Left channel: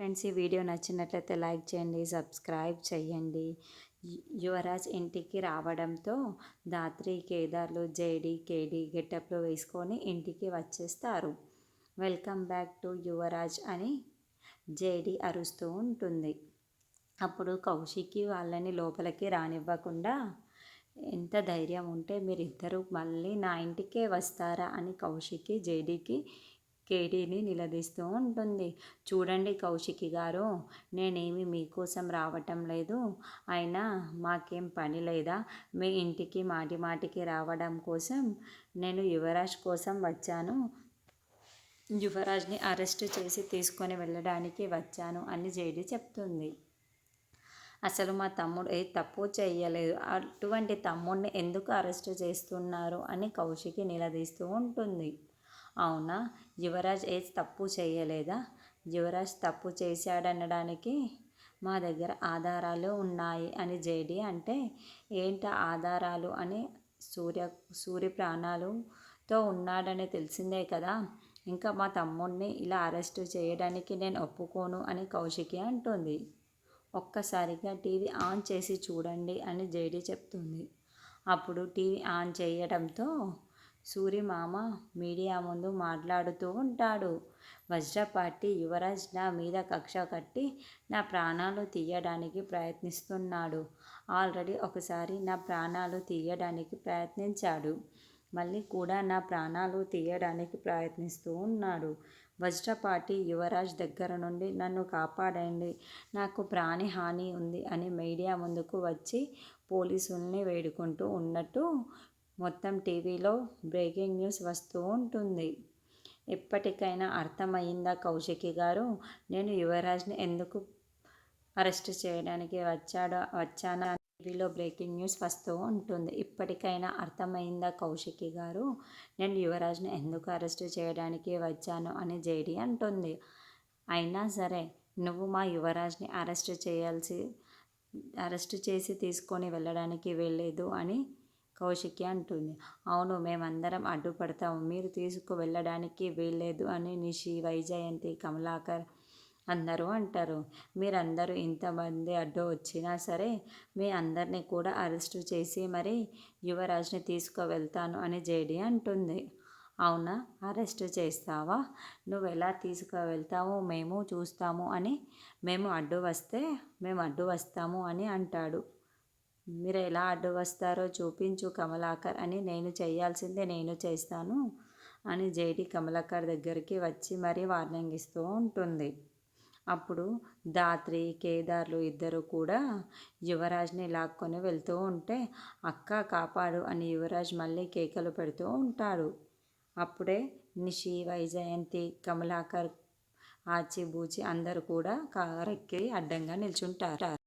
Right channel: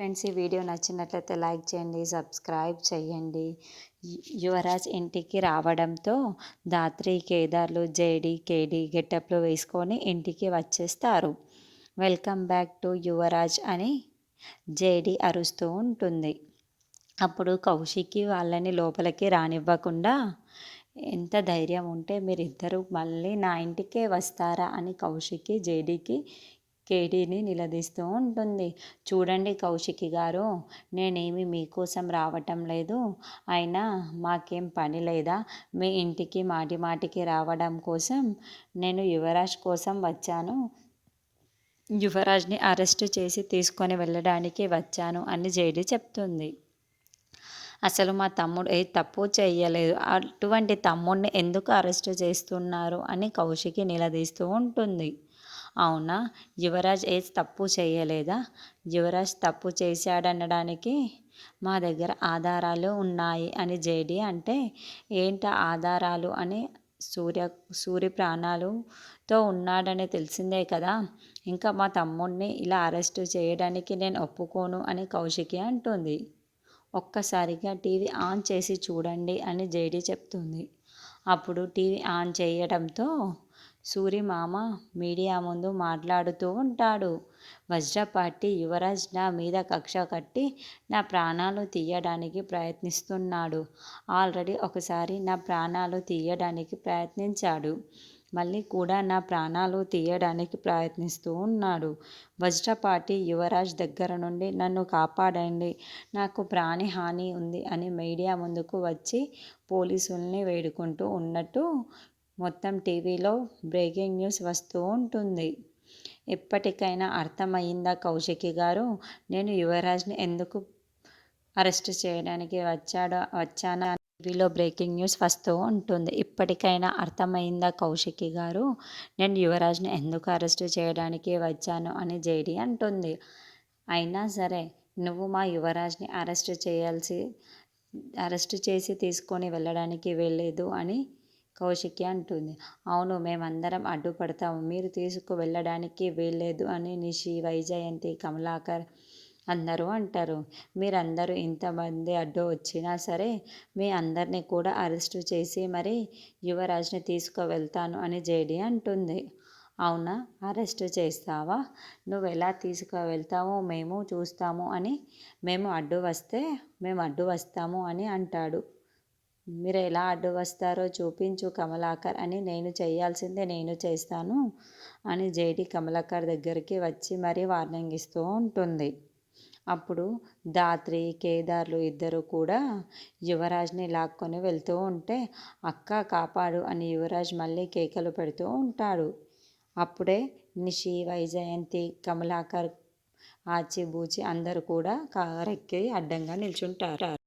Friends, ఈ video నచ్చినట్లయితే like చేయండి, సబ్స్క్రైబ్ చేయండి. యువరాజ్ ఇంటికి రావడంతో ధాత్రి, కేదార్లు జేడి, కేడి గెటప్లు వేసుకొని ఇంటికి వచ్చేస్తారు. వెల్కమ్ బ్యాక్ టు యువరాజ్ అని జేడి అరుస్తూ ఉంటుంది. అప్పుడు కౌశికి వాళ్ళని లోపలికి రానివ్వకుండా, ఎంత ధైర్యం ఉంటే మీరిద్దరూ మళ్ళీ నా ఇంటికే వస్తారా అని కౌశికి జేడీకి కేడీని నిలదీస్తూ ఉంటుంది. చూడండి కౌశికి గారు, నేనేమి మీకోసం రావటం లేదు. అయినా మాకేం పని లేదా? మీ ఇంటికి మాటి మాటికి రావడం కోసం నేను యువరాజ్ కోసం వచ్చాను. యువరాజ్ని అరెస్టు చేసి తీసుకొని వెళ్ళడానికి వచ్చాను అని జేడీ చెప్తుంది. అసలు మా తమ్ముడు ఏ తప్పు చేయలేదు, అటువంటి తమ్ముడిని ఎందుకు అరెస్టు చేస్తున్నారు అని కౌశికి నిలదీస్తూ ఉంటుంది. అవునా, యువరాజ్ ఏ తప్పు చేయలేదా? యువరాజ్ తప్పు చేశాడనడానికి మా దగ్గర ఆధారాలు ఉన్నాయి అని జేడీ అంటే, ఏంట ఆధారాలు అని సూరి ప్రాణాలతో ఉన్నాడని తెలిసిందే కదా, ఇంకా మా తమ్ముడిని ఇలా అరెస్టు చేయడానికి నేను ఒప్పుకోను అని కౌశికి అంటుంది. ఒక్కసారిగా టీవీ ఆన్ చేసి చూడండి అని జేడీ చెప్తుంది. అప్పుడు టీవీ ఆన్ చేయడంతో సూరి మామ మీడియా ముందు మాట్లాడుతూ ఉంటాడు. వజ్రపాటి యువరాజ్ నా మీద కక్ష కట్టి నా ప్రాణాలు తీయడానికి ప్రయత్నిస్తున్నాడు. ఆల్రెడీ ఒకసారి నా ప్రాణాలు తీయడానికి ప్రయత్నించాడు, మళ్ళీ కూడా నా ప్రాణాలు తీయడానికి ప్రయత్నిస్తూ ఉన్నాడు. వజ్రపాటి యువరాజ్ దగ్గర నుండి నన్ను కాపాడండి, నాకు ప్రాణహాని ఉంది అని మీడియా ముందుకు వచ్చి పోలీసుల్ని వేడుకుంటూ ఉన్నట్టు మొత్తం టీవీలో బ్రేకింగ్ న్యూస్ వస్తూ ఉంటుంది. ఎప్పటికైనా అర్థమయ్యిందా కౌశికి గారు, నేను యువరాజ్ని ఎందుకు అరెస్ట్ చేయడానికి వచ్చానా టీవీలో బ్రేకింగ్ న్యూస్ వస్తూ ఉంటుంది. ఇప్పటికైనా అర్థమైందా కౌశికి గారు, నేను యువరాజ్ని ఎందుకు అరెస్ట్ చేయడానికి వచ్చాను అని జేడీ అంటుంది. అయినా సరే నువ్వు మా యువరాజ్ని అరెస్ట్ చేసి తీసుకొని వెళ్ళడానికి వెళ్ళలేదు అని కౌశికి అంటుంది. అవును, మేమందరం అడ్డుపడతాము, మీరు తీసుకువెళ్ళడానికి వీల్లేదు అని నిషి, వైజయంతి, కమలాకర్ అందరూ అంటారు. మీరందరూ ఇంతమంది అడ్డు వచ్చినా సరే మీ అందరినీ కూడా అరెస్టు చేసి మరి యువరాజ్ని తీసుకువెళ్తాను అని జేడీ అంటుంది. అవునా, అరెస్టు చేస్తావా? నువ్వు ఎలా తీసుకువెళ్తావో మేము చూస్తాము అని మేము అడ్డు వస్తాము అని అంటాడు. మీరు ఎలా అడ్డు వస్తారో చూపించు కమలాకర్ అని, నేను చేయాల్సిందే నేను చేస్తాను అని జేడీ కమలాకర్ దగ్గరికి వచ్చి మరీ వార్నింగ్ ఇస్తూ ఉంటుంది. అప్పుడు ధాత్రి, కేదార్లు ఇద్దరు కూడా యువరాజ్ని లాక్కొని వెళ్తూ ఉంటే, అక్క కాపాడు అని యువరాజ్ మళ్ళీ కేకలు పెడుతూ ఉంటాడు. అప్పుడే నిషి, వైజయంతి, కమలాకర్, ఆచిబూచి అందరూ కూడా కారెక్కి అడ్డంగా నిల్చుంటారు.